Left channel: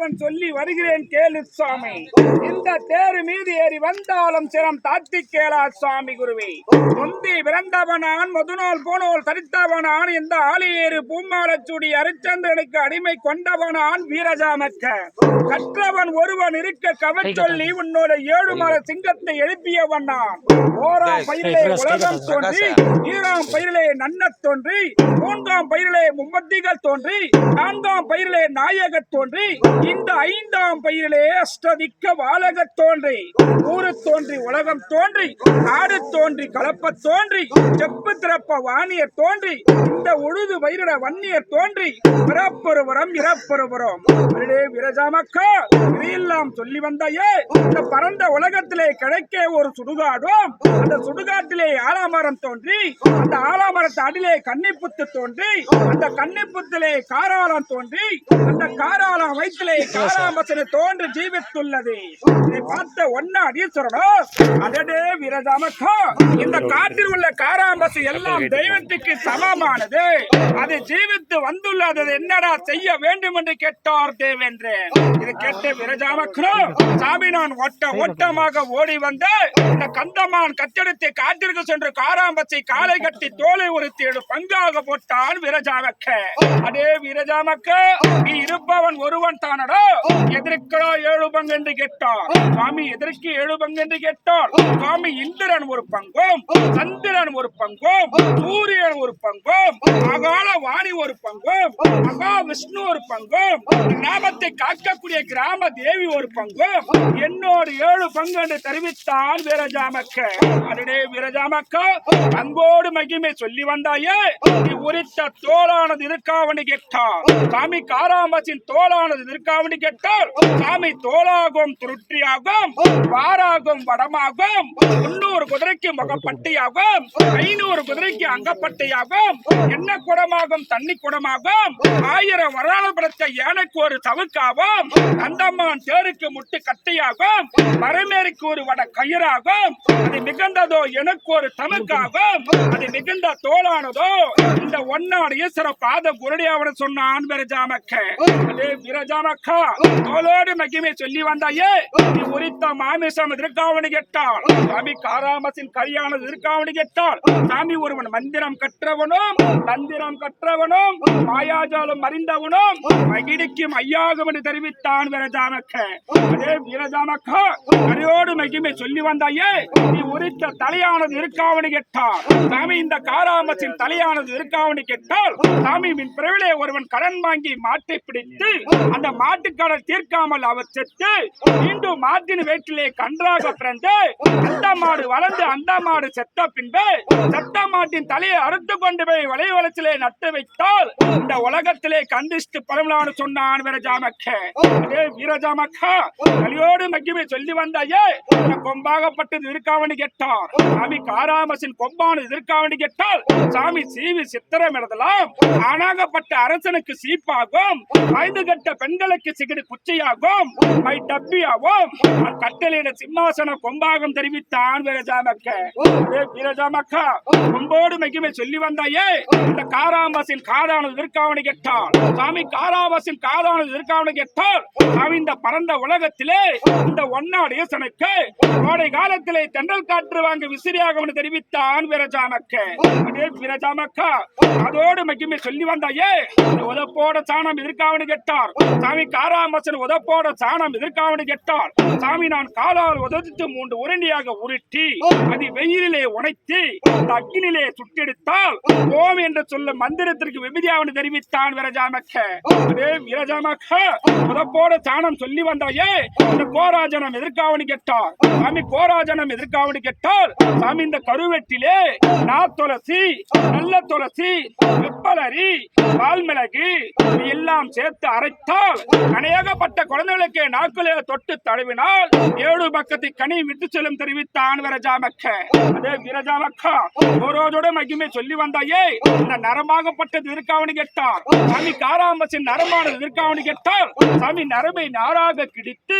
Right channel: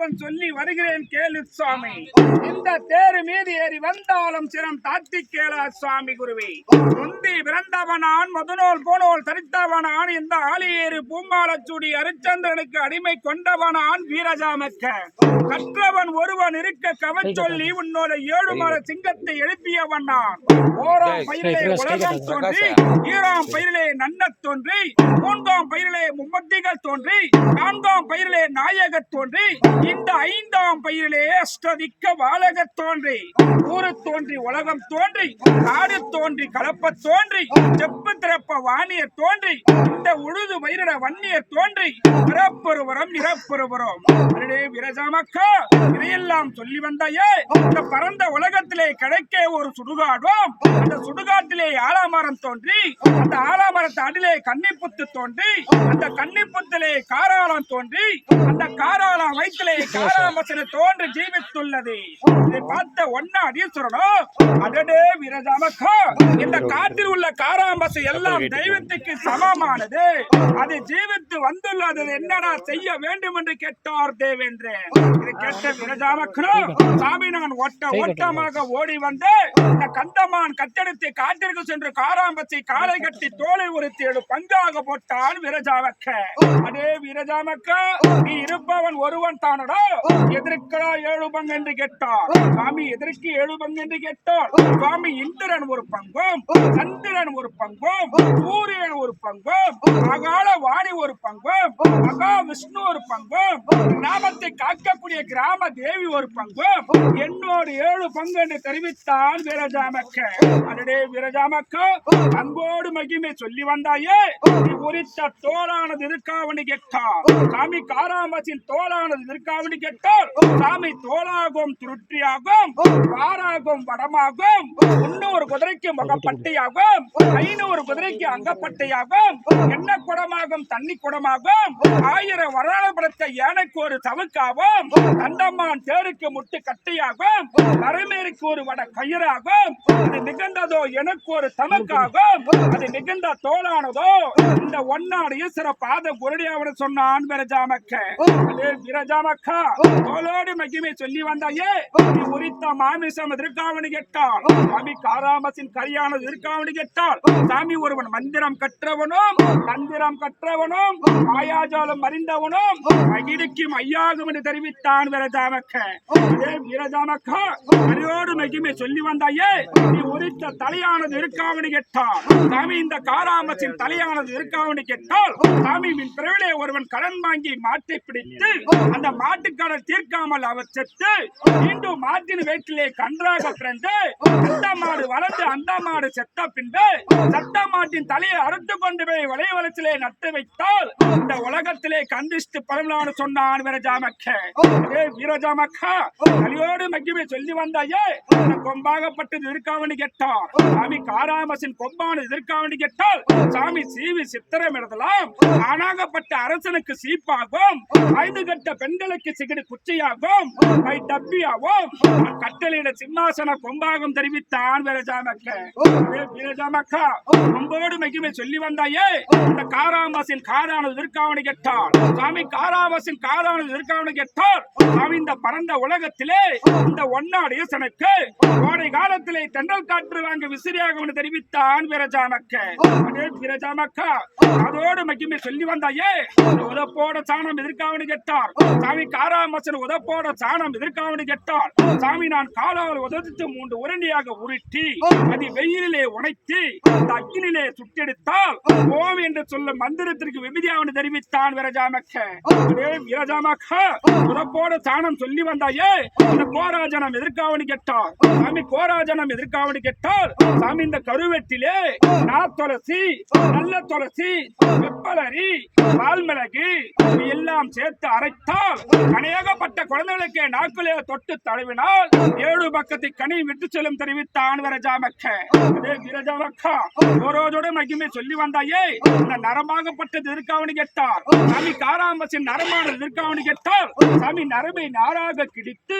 அப்பன் சொல்லி வருகிறேன் கேளு சுவாமி. இந்த தேரு மீது ஏறி வந்தாலும் சிரம் தாத்தி கேளா சுவாமி குருவே. முந்தி பிறந்தவனான் முதுநோல் போனோல் தரித்தவனான் இந்த ஆளியேறு பூமாலச்சூடி அரிச்சந்திரனுக்கு அடிமை கொண்டவனான் வீரஜாமக்க கற்றவன் ஒருவன் இருக்க கவச் சொல்லி உன்னோட ஏழு மாத சிங்கத்தை எழுப்பியவன் நான். ஓராம் பயிரிலே உலகம் தோன்றி ஈராம் பயிரிலே நன்னத் தோன்றி மூன்றாம் பயிரிலே மும்மத்திகள் தோன்றி நான்காம் பயிரிலே நாயகத் தோன்றி இந்த ஐந்தாம் பயிரிலே அஷ்டதிக்க வாழகத் தோன்றி ஊரு தோன்றி உலகம் தோன்றி காடு தோன்றி கலப்பத் தோன்றி செப்பு திறப்ப வாணியர் தோன்றி இந்த உழுது வயிறட வன்னியர் தோன்றி பிறப்பொருவரம் இறப்பொருவரம் விரஜாமக்கா இதையெல்லாம் சொல்லி வந்தாயே இந்த பரந்த உலகத்திலே கிடைக்க ஒரு சுடுகாடும் அந்த சுடுகாட்டிலே ஆலாமரம் தோன்றி அந்த ஆலாமரத்து அடிலே கன்னிப்புத்து தோன்றி அந்த கன்னிப்புத்திலே காராளம் தோன்றி அந்த காராளம் வயிற்றிலே காராமசனை தோன்றி ஜீவித்துள்ளது. இதை பார்த்த ஒன்னா அடீஸ்வரனோ அடடே விரஜாமக்கா இந்த காட்டில் உள்ள காராமசு எல்லாம் தெய்வத்துக்கு சமமானது. அது ஜீவித்து வந்துள்ளது. என்னடா செய்ய வேண்டும் என்று கேட்டார் தேவேந்திரன் இதை கேட்ட விரஜாமக்கனோ சாமி நான் ஒட்ட ஓட்டமாக ஓடி வந்து இந்த கந்தமான் கத்தெடுத்து காட்டிற்கு சென்று காராம்பச்சை காலை கட்டி தோலை ஒரு தேடு பங்காக போட்டான் விரஜாமக்க அதே விரஜாமக்க நீ இருப்பவன் ஒருவன் தானடா? எதற்கடா ஏழு பங்கு என்று கேட்டார் சுவாமி எதற்கு ஏழு பங்கு என்று கேட்டார் சுவாமி இந்திரன் ஒரு பங்கும் சந்திரன் ஒரு பங்கும். சூரியன் ஒரு பங்கும் அகால வாணி ஒரு பங்கும் மகா விஷ்ணு ஒரு பங்கும் கிராமத்தை காக்கக்கூடிய கிராம தேவி ஒரு பங்கும். என்னோடு ஏழு பங்கு என்று தெரிவித்தான் வீரஜாமக்க. அதனே வீரஜாமக்க அன்போடு மகிமை சொல்லி வந்தாயே. நீ உரித்த தோலானது இருக்காவணி கேட்டார் சாமி காராமசின் தோலானது இருக்காவணி கேட்டார் சாமி தோலாகும் துருட்டியாகும் வாராகும் வடமாகும் முன்னூறு குதிரைக்கு முகப்பட்டியாகும் ஐநூறு குதிரைக்கு அங்கப்பட்டையாகும். என்ன குடமாகும்? தண்ணி குடமாகும். ஆயிரம் வராணம் படைத்த யானைக்கு ஒரு சவுக்காகும் அந்தம்மான் தேருக்கு முட்டு கட்டையாகும். மரமேருக்கு ஒரு வட கயிறாகும். அது மிகுந்ததோ எனக்கு ஒரு தமக்காகும். அது மிகுந்த தோளானதோ. இந்த ஒன்னாடு ஈஸ்வர பாத குருடியாவன சொன்னான் விரஜாமக்க விரஜாமக்கா தோளோடு மகிமை சொல்லி வந்தாயே. நீ உரித்த மாமிசம் எதிர்காவணி கேட்டால் சாமி காராமசின் கரியானது எதிர்காவணி கேட்டால் சாமி ஒருவன் மந்திரம் கற்றவனும் மந்திரம் கற்றவனும் மாயாஜாலம் அறிந்தவனும் மகிழ்ச்சிக்கும் ஐயாகும் என்று தெரிவித்தான் விரஜாமக்க. அதே விரஜாமக்கா அடியோடு மகிமை சொல்லி வந்தாயே நீ உரித்த தலையானது இருக்காவனு கேட்டார். சாமி இந்த காராமத்தின் தலையானது இருக்காவனு கேட்டால் சாமி மின் பிறவிலே ஒருவன் கடன் வாங்கி மாட்டை பிடித்து அந்த மாட்டுக்கடன் தீர்க்காமல் அவர் செத்து மீண்டும் மாட்டின் வயிற்றிலே கன்றாக பிறந்து அந்த மாடு வளர்ந்து அந்த மாடு செத்த பின்பு சட்ட மாட்டின் தலையை அறுத்து கொண்டு போய் வலை வளத்திலே நட்டு வைத்தால் இந்த உலகத்திலே கந்திஷ்டு பரமலான்னு சொன்னான் வீரஜாமக்க. அதே வீரஜாமக்க கலியோடு மகிமை சொல்லி வந்தாயே கொம்பாகப்பட்டது இருக்காவணி கேட்டார் சாமி காராமசின் கொம்பானது இருக்காவணி கேட்டால் சாமி சீவி சித்திரம் எழுதலாம். ஆனாகப்பட்ட அரசனுக்கு சீப்பாகும். ஐந்து கட்ட பெண்களுக்கு சிகிடு குச்சியாகும். மை டப்பியாகும். கட்டளையிட சிம்மாசன கொம்பாகம் தெரிவித்தான் வீரஜாமக்க. வீரஜாமக்கா அன்போடு மகிமை சொல்லி வந்தாயே. இந்த காராமசின் காதானது இருக்காவணி கேட்டால் சாமி காராமசின் காதானது இருக்காவணி கேட்டால் சாமி இந்த பரந்த உலகத்திலே இந்த ஒன்னாடு ஈசனுக்கு கோடை காலத்திலே தென்றல் காற்று வாங்க விசிறியாக தெரிவித்தான் வீரஜாமக்க அதே அதோடு மகிமை சொல்லி வந்தாயே. உதப்போட சாணம் எதிர்காவனு கேட்டார் சாமி காராமசன் உதப்போட சாணம் எதிர்காவனு கேட்டார் சாமி நான் காலால் உதவித்து மூன்று உரண்டியாக உருட்டி அது வெயிலிலே உடைத்து அந்த அக்கினிலே சுட்டெடுத்தால் ஓம் என்று சொல்ல மந்திரத்திற்கு விபதியாவனு தெரிவித்தான் விரஜாமக்க. விரஜாமக்க புதப்போட சாணம் சொல்லி வந்தாயே இந்த கோராஜனம் எதிர்க்காவணி கேட்டார்? சாமி கோராஜனம் எதிர்க்காவணி கேட்டால் சாமி இந்த கருவெட்டிலே நா துளசி நல்ல துளசி வெப்பலரி பால்மிளகு இது எல்லாம் சேர்த்து அரைத்தால் கனையாகப்பட்ட குழந்தைகளுக்கு நாக்கிலே தொட்டு தழுவினால் ஏழு பக்கத்தை கனி விட்டு செல்லும் தெரிவித்தான் விரஜாமக்க. அதே விரஜாமக்கா ஒரு ஓரோஜோட மகிமை சொல்லி வந்தாயே இந்த நரமாகப்பட்டது இருக்காவணி கேட்டார். சாமி காராமசின் நரமானது இருக்காவணி கேட்டார். சாமி நரம்பை நாராக கிடித்து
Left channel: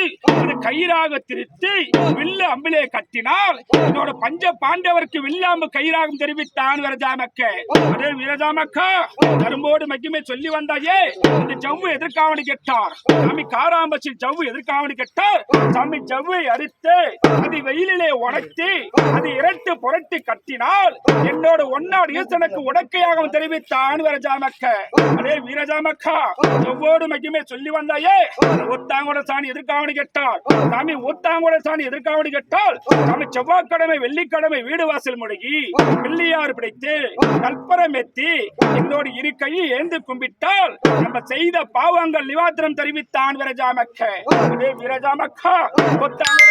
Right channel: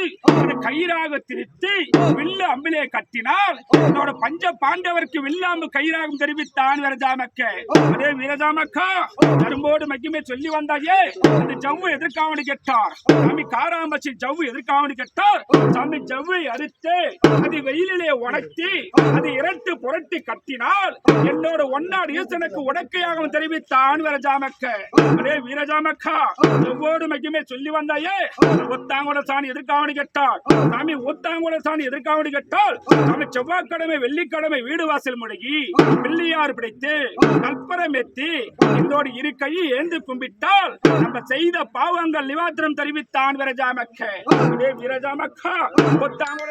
கயிறாக திருத்தி வில்லு அம்பிலே கட்டினால் என்னோட பஞ்ச பாண்டவருக்கு வில்லாம்பு கயிறாகும் தெரிவித்தான் விரஜாமக்க. அதே விரஜாமக்கா நரம்போடு மகிமை சொல்லி வந்தாயே இந்த ஜவ்வு எதிர்காவணி கேட்டார். சாமி காராமசின் ஜவ்வு எதிர்காவணி கேட்டார். சாமி ஜவ்வை அறுத்து அது வெயிலிலே உடைத்து அது இரட்டு புரட்டி கட்டினால் என்னோட ஒன்னாடு ஈசனுக்கு உடக்கையாக தெரிவித்தான் வீரஜாமக்க. அதே வீரஜாமக்கா எவ்வோடு மகிமை சொல்லி வந்தாயே. ஒத்தாங்கோட சாணி எதிர்காவணி கேட்டால். சாமி ஒத்தாங்கோட சாணி எதிர்காவணி கேட்டால். சாமி செவ்வாய்க்கிழமை வெள்ளிக்கிழமை வீடு வாசல் முழுகி பிள்ளையார் பிடித்து கற்பரம் எத்தி என்னோட இரு கையை ஏந்து கும்பிட்டால் நம்ம செய்த பாவங்கள் நிவாத்திரம் தெரிவித்தான் விரஜாமக்க. அதே வீரஜாமக்கா ஒத்தாங்கோட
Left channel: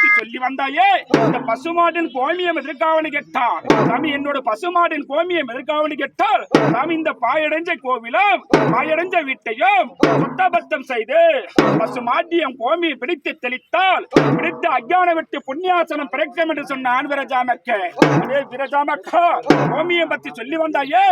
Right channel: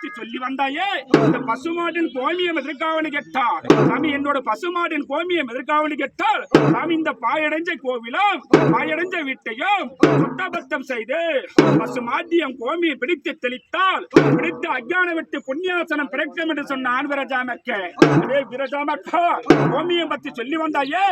பத்தி சொல்லி வந்தாயே இந்த பசுமாட்டின் கோமியம் எதிர்காவணி கேட்டார்? சாமி என்னோட பசுமாட்டின் கோமியம் எதிர்காவணி கேட்டால் சாமி இந்த பாயடைஞ்ச கோவிலும் பாயடைஞ்ச வீட்டையும் சுத்தபத்தம் செய்து பசுமாட்டியம் கோமியை பிடித்து தெளித்தால் பிடித்த அஜான விட்டு புண்ணியாசனம் பிறக்கும் என்று சொன்னான் விரஜாமக்க. விரஜாமக்கா கோமியம் பத்தி சொல்லி வந்தாயே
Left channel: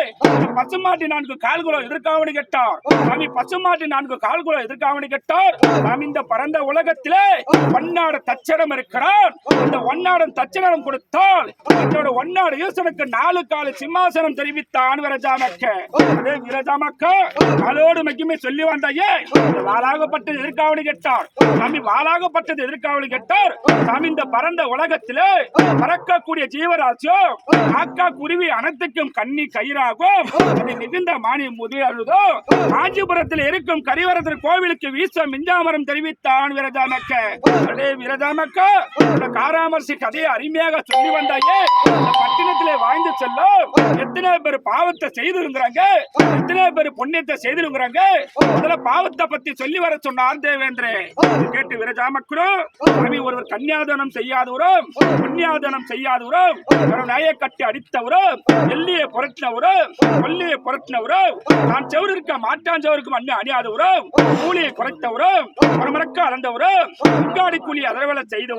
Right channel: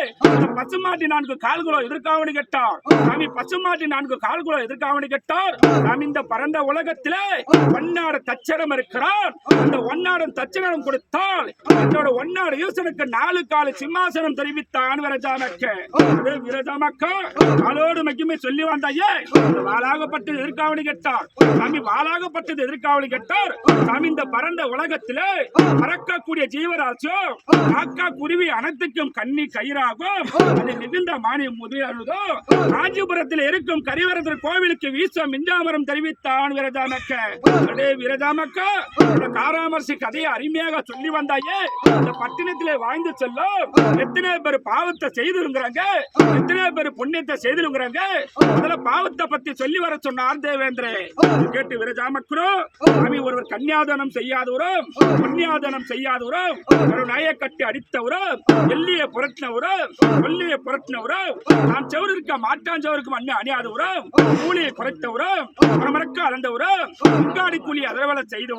பசுமாட்டி நான்கு கால்களோ எதிர்காவணி கேட்டார்? சாமி பசுமாட்டி நான்கு கால்களோ எதிர்காவணி கேட்டார்? சாமி இந்த பரந்த உலகத்திலே பன்னாடு தச்சரம் இருக்கிறான் அந்த ஒன்னாடன் தச்சனம் கொடுத்தால் என்னோட ஒன்னாடு ஈசனுக்கு நாலு கால சிம்மாசனம் தெரிவித்தான் விரஜாமக்க. விரஜாமக்கா காலோடு மகிமை சொல்லி வந்தாயே. இந்த வாளாகப்பட்டது எதிர்காவணி கேட்டார். சாமி வாளாகப்பட்டது எதிர்காவணி கேட்டார். சாமி இந்த பரந்த உலகத்திலே பறக்கக்கூடிய ஜீவராசியோ காக்கா குருவி அனைத்துக்கும் கண்ணி கயிறாகும். அது மிகுந்த மானியம் முதலோ காஞ்சிபுரத்தில் இருக்கும் கரிவரதர் கோவிலுக்கு வீச மிஞ்சாமரம் தெரிவித்தான் விரதாமக்க அடே விரதாமக்க இந்த காராமர்சி கதையை அருமையாக சொல்லி வந்தாயே. அந்த பட்டினத்திலே வாழ்ந்து செல்லும். எத்தனை பேர் பாவத்தை செய்திருக்கிறாங்க எத்தனை பேர் புண்ணியத்தை செய்திருக்கிறாங்க முதல்ல பாவத்தை பத்தி சொல்லி வர சொன்னார் தேவேந்திரே. கேட்டு விரஜாமக்குறோம். சாமி ஒருவர் கன்னியாதனம் செய்யாதவரும் புண்ணியாதனம் செய்யாதவரும் ஒரு நய கட்டி அடித்தவரும் எல்லிய புரட்டினவரும் கொல்லிய புரட்டினவரும் நான் செவரு இருக்க மாட்டான் செவருக்கு மண்ணு அணியாதவரும் கூலியை குறைத்தவரும் ஒரு மறக்க அளந்தவரும் உங்காடி கூலி அதரவலை செய்தவரும்.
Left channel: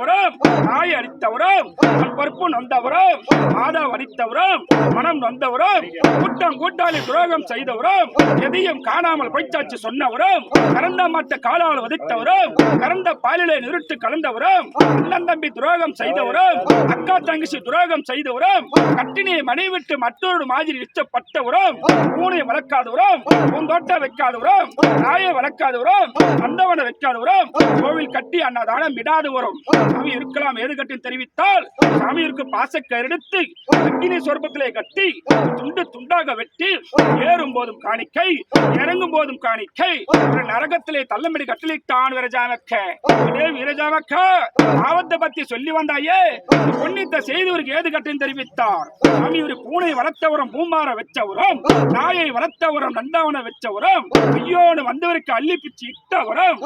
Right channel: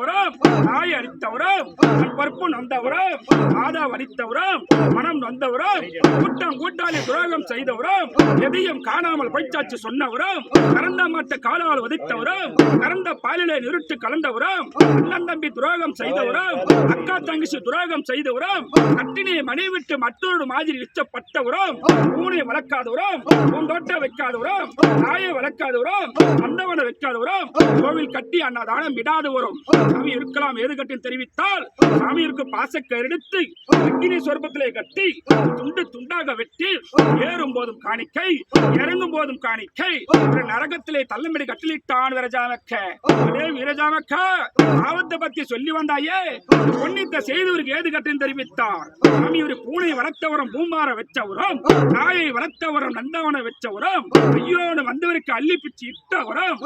நாய் அடித்தவரும் தன் பருப்பு நொந்தவரும் மாதா வடித்தவரும் மனம் நொந்தவரும் கூட்டம் கூட்டாளி துரோகம் செய்தவரும் எதையும் காணாமல் பொய்ச்சாச்சு சொன்னவரும் கறந்த மாட்ட காலால் வதித்தவரும் கறந்த பாலிலே நிறுத்து கலந்தவரும் அண்ணன் தம்பி துரோகம் செய்தவரும் அக்கா தங்கச்சி துரோகம் செய்தவரும் கட்டினியை மனைவிட்டு மற்றொரு மாதிரி இஷ்டப்பட்டவரும் பூனை வளர்க்காதவரும் பூந்தோட்டம் வைக்காதவரும் நாயை வளர்க்காதவரும் அந்தவனை வைக்காதவரும் கோவில் கட்டி அன்னதானம் விடாதவரும் சாமி இருக்கலாம் ஏது கட்டி தெரிவித்தால் சாமியிற்கு பாசக்கயிறெடுத்து அக்கினி சொர்பத்திலே கட்டி துண்டு துண்டாக வெட்டி ஏறும் போதும் காணிக்கை இறங்கும் போதும் காணிக்கை நரகத்திலே தள்ளம்படி கட்டளிட்டான் விரஜாமக்க. அதே வீரஜாமக்க பாவத்தை பத்தி சொல்லி வந்தாயே பொன்னித்த செய்தவருக்கு ஏது கட்டின்னு தெரிவித்தார்? சாமி ஒரு பூனை வளர்த்தவரும் பூமார வச்சவரும் நாயை வளர்த்தவரும் நந்தாவன வச்சவரும் ஐயோடு வந்தவருக்கு அள்ளி பிச்சு இட்டவரும்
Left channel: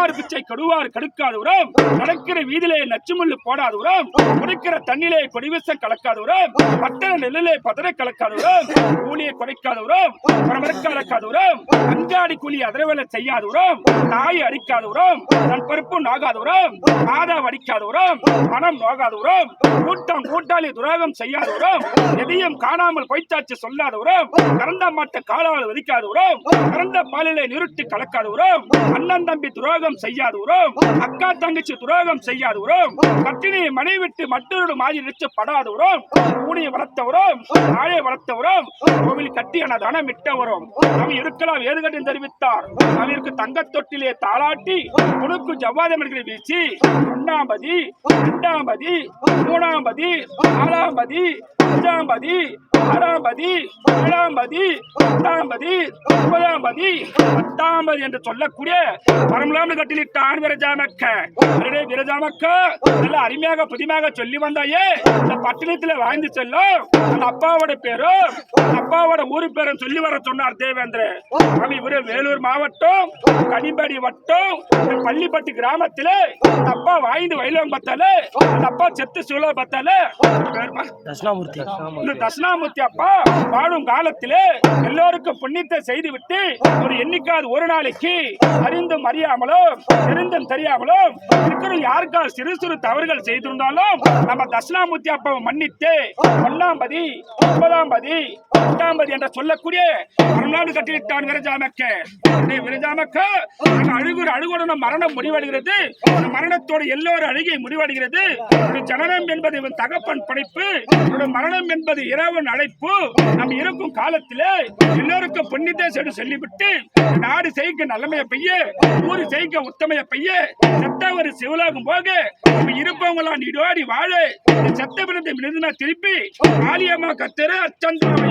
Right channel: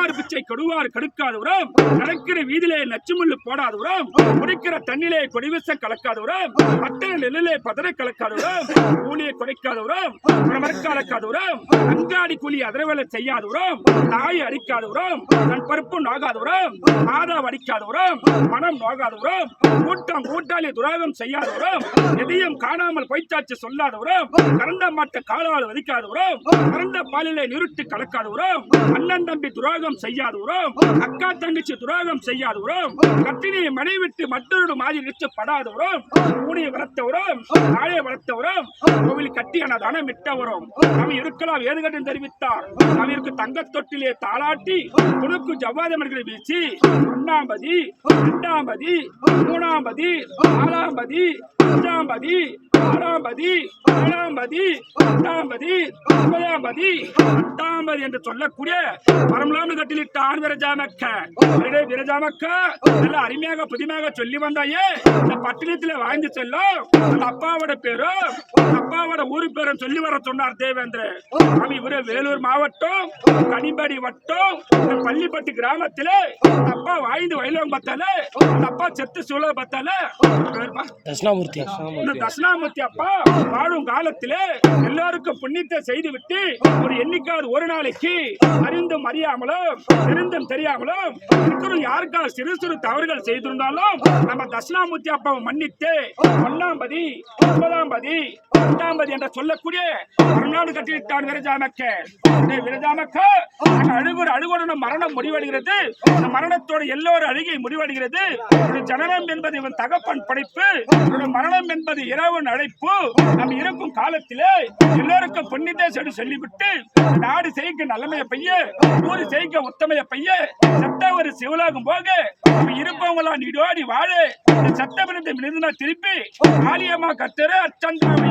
இடுவார் பிச்சை கடக்கிற கடுக்காதவரும் நடக்கிற வீதியிலே நச்சுமுள்ளு உரம். குடிக்கிற தண்ணிலே கொடிவிசம் கலக்காதவரும் பட்டண நெல்லிலே பதற கலக்காதவரும் கூலியை குறைக்காதவரும் மரமரக்க அடக்காதவரும் அங்காடி கூலி அதிரவலை செய்யாதவரும் அடிக்காத உரம். தன் பருப்பு நாகாதவரும் மாதா அடிக்காதவரும் மனம் நோகாதவரும் கூட்டம் கூட்டாளி துராகம் செய்யாத உரம். எதையும் காணாமல் பொய்த்தாச்சு சொல்லாத உரம். கறந்த மாட்ட காலால் வதிக்காத உரம். கறந்த பாலிலே நிறுத்தி கலக்காதவரும் அண்ணன் தம்பி துரோகம் செய்யாதவரும் அக்கா தங்கச்சி துரோகம் செய்யாதவரும் கட்டினை மனை விட்டு மற்றொரு மாதிரி நிச்சப்படாதவரும் பூனையை வளர்த்தவரும் நாயை வளர்த்தவரும் கோவில் கட்டி அன்னதானம் விட்டவரும் அவன் இருக்கலாம் ஏதுகட்டும் தெரிவித்தார். அவருக்கு தங்கத் தொட்டிலே தாளாட்டி உனக்கு ஜவ்வாதம் இருக்கிற வீச்சு. ஒன்னாம்பதி ரெண்டாம்பதி மூணாம்பதி நாலாம்பதி அஞ்சாம்பதி ஆறாம்பதி ஏழாம்பதி எட்டாம்பதி ஒன்பதாம்பதி பத்தாம்பதி என்று சொல்லக்கூடிய பரமலாண்டு கட்டிலிட்டான் விரஜாமக்க விரஜாமக்க நல்ல அருமையாக புதிமையாக சொல்லி வந்தாயே. இந்த பட்டினத்துல வாழ்ந்து செல்லும் அப்பாவோட பேரும் அப்பாவோட ஊரு பேரும் சொல்லி வர சொன்னார் தேவேந்திர சாமி இவரு வேலூர் மாவட்டம் கனிபடி வட்டம் பள்ளிப்பட்டு கிராமத்திலே அப்பா வாய்ந்து வயலம் பத்தால அப்பா செத்து சூழ பத்தால தட்சிணாமூர்த்தி. இந்த தட்சிணாமூர்த்தி அப்பா வாழும் காலத்திலே எல்லோருக்கும் புண்ணியத்தை செய்து விட்டு ஒரு எண்ணிக்காது ஒரு நாளைக்கு அறிந்தும் அறியாமலும் தெரிந்தும் தெரியாமலும் இருக்கிற யாருக்கா சிறு சிறு தவறுகள் செய்திருந்தாலும் நம்ம தட்சிணாமூர்த்தி அப்பாவை மன்னித்து ஒன்னாம் பதி ஒன்பதாம் பதி எட்டாம் பதி என்று சொல்லக்கூடிய மறுநாடு கட்டிவிட்டான் விரஜாமக்க. டேய் விரஜாமக்க நாங்க அழுகுற அழுகுடன் மரணம் முடிவடைகிறது. அந்த மரணத்தோட எல்லோரும் அழுகை முடிவடைகிறது. ஒரு ஜனனம் என்பது என்பது இவன் தகப்பன் படைப்பு. இவனோட மரணம் என்பது இரவன் அழைப்பு நம்ம இருக்கும் காலத்திலே எல்லோருக்கும் புண்ணியத்தை சொல்லி சொல்லிவிட்டு நாடு செய்க நல்லமைய பைய ஊரு செய்க உத்தமைய பைய சட்ட ஒரு சிவலோகம் போக நம்ம இருப்பவங்களா நீடோடி வாழ சட்ட விருது மிருதுனா திருப்பி ஆலியம்மா கத்தரு அச்சந்தாவை